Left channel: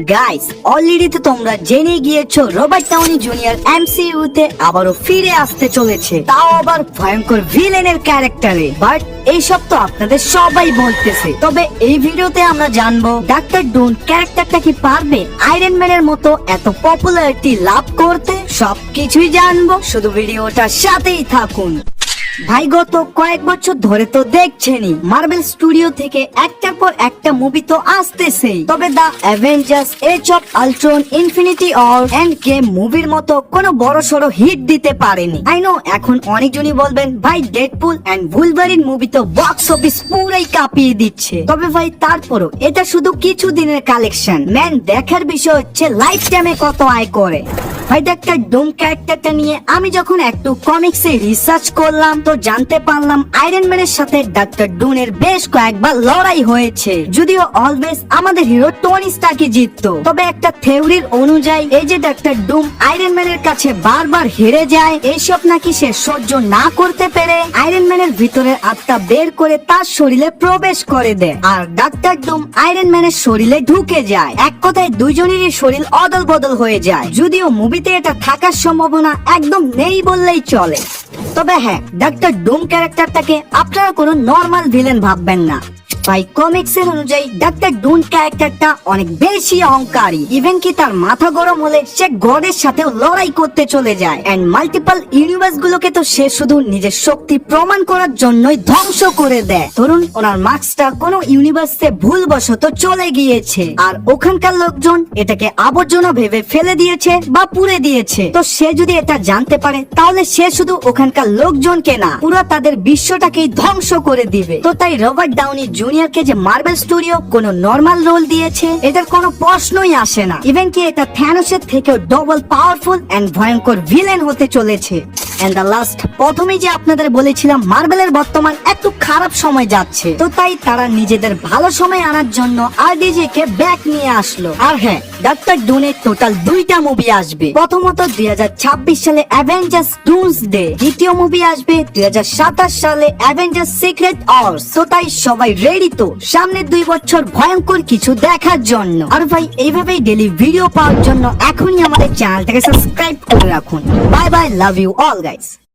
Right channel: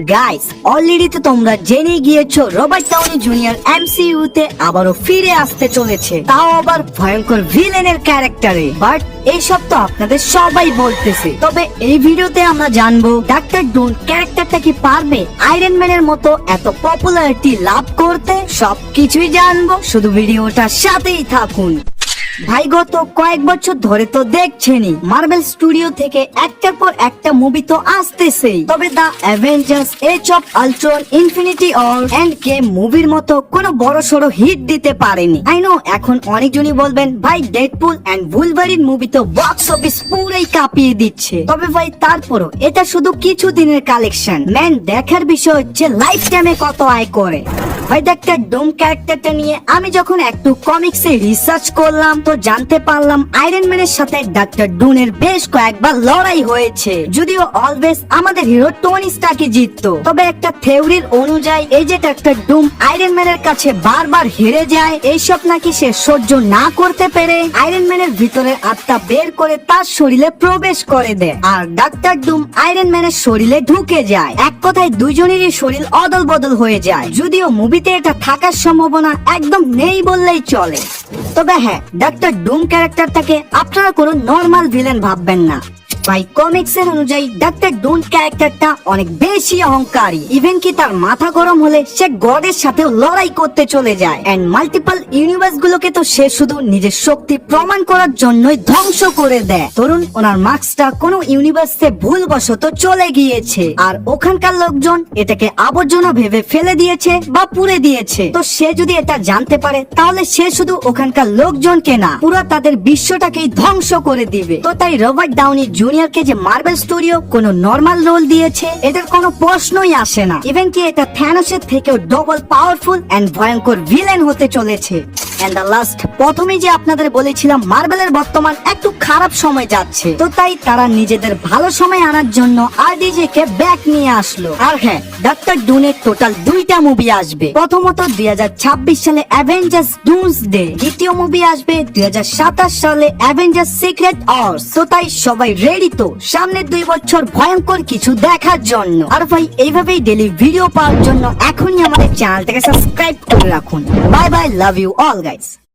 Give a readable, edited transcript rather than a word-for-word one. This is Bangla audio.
গাইস অলরেডি তো তোমরা জেনে গিয়েছো রবার্ট ডাউনি জুনিয়র এমসিইউ তে আবারও ফিরে আসতে চলেছে, তাও আবার ভয়ঙ্কর ভিলেনের ক্যারেক্টারে। বাট এইসব তো আপনাদের সবাই বলতেছে, তবে এই ভিডিওতে আমরা জানবো ডাক্তার ডুন ক্যারেক্টারটা কি পারবে আয়রন ম্যানের মতো এত পপুলারিটি লাভ করতে। সবকিছুই জানবো, শুধু ভিডিওটার সাথেই থাকুন। ভাই গত কয়েক বছর ধরে তো দেখছেনই মার্বেল স্টুডিও থেকে একটার পর একটা মুভি তো আসতেছেই, তবে the Avengers, Age of Ultron, Infinity War, Endgame মুভির মতো কোনো বড় সড়ো হিট দিতে পারেনি। আই নো এখন অনেকজনই বলবেন ভাই ডেডপুল এন্ড ভুলভারিন মুভি তো বক্স অফিস পুরাই কাঁপিয়ে দিচ্ছে, তবে ভাই তারপরও এটা শুধু কিছু দিনের কালেকশন। ম্যান দেখার বিষয় হচ্ছে লাইফ টাইমে কত আয় করে। ভাই ডাক্তার ডুম ক্যারেক্টারটা নিয়ে আমি যখন একটু কমিক্সে রিসার্চ করলাম তো জানতে পারলাম আয়রন ম্যানের সাথে ডাক্তার ডুনের বেশ কয়েকবার লড়াই হয়েছে, যদিও অলওয়েজ আমাদের হিরো টনি স্টার্কই জিততো। তবে একটা থিওরির অনুযায়ী এই যে ডাক্তার ডুম আয়রন ম্যানের কাছে বারবার হেরে যায়, এইসব নাকি সে সহ্য না করতে পেরে আয়রন ম্যানের ভিতরের আত্মা বের করে তার শরীরে প্রবেশ করে দেয়, আর ডাক্তার ডুম আয়রন ম্যানের শরীরে ঢুকে যায়। এক কথায় দুইজনেরই শরীর অদল বদল হয়ে যায়, যদিও মুভিতে এটা থাকার সম্ভাবনা একদম নেই বললেই চলে। তবে হ্যাঁ, ডাক্তার ডুম ক্যারেক্টারটাকে আপনারা কোনো নর্মাল ভিলেন ভাববেন না। ভাই কমিক্স এর অনুযায়ী ডাক্তার ডুন ক্যারেক্টারটা অনেক বেশি অহংকারী, ইভেন কি তার মাথা গরম হলে সে গডের সাথেও লড়াই করতে চলে যায়, এন্ড মাল্টিপল ইউনিভার্স গুলোকে তো সে শুধু নিজের শক্তি প্রমাণ করার জন্যই ধ্বংস করে দেয়। ধরুন ওনার মাস্কটা কোনো ইউনিভার্সে ভুলবশত চলে গিয়েছে, আর ওখানকার লোকজন এটাকে আবর্জনা ভেবে ফেলে দিয়েছে বা পুড়ে দিয়েছে, তো সে যদি এটা জানতে পারে তাহলে সে শুধু ওখানকার লোকজনকে না, পুরো তাদের বিশ্বটাকেই ধ্বংস করে দিবে। তো তাই রবার্ট ডাউনি জুনিয়রকে যে মার্বেল স্টুডিও কোনো নরমাল রোল দিয়েছে, এটার কোনো প্রশ্নই আসে না। ইভেন কি এটা থ্যানোসের থেকেও ডবল পাওয়ারফুল এন্ড ভয়ঙ্কর ভিলেন হতে চলেছে। এন্ড দ্য লাস্ট, প্রথমেই যে আপনাদের বলেছিলাম মার্বেলের বর্তমান একটু খারাপ সময় যাচ্ছে, তো তাই তারা নিজেদের ভালো সময় আনার জন্য আরডিজে কে ব্যাক নিয়ে আসলো। আর হ্যাঁ, ডাক্তার ডুনের টোটাল 2টা মুভি আসবে। প্রথমত 2026 সালে অ্যাভেঞ্জার্স ডুমসডে, দ্বিতীয় মুভি আসবে 2027 সালে অ্যাভেঞ্জার্স সিক্রেট ওয়ার্স। তো তাই সবাই রেডি তো সামনের 2 বছর ভয়ঙ্কর কিছু দেখার জন্য। আর ভাই এইভাবেই ডেইলি ভিডিও পাওয়ার জন্য এখনই আমাদের চ্যানেলটাকে সাবস্ক্রাইব করে রাখুন। Bye bye, love you all guys.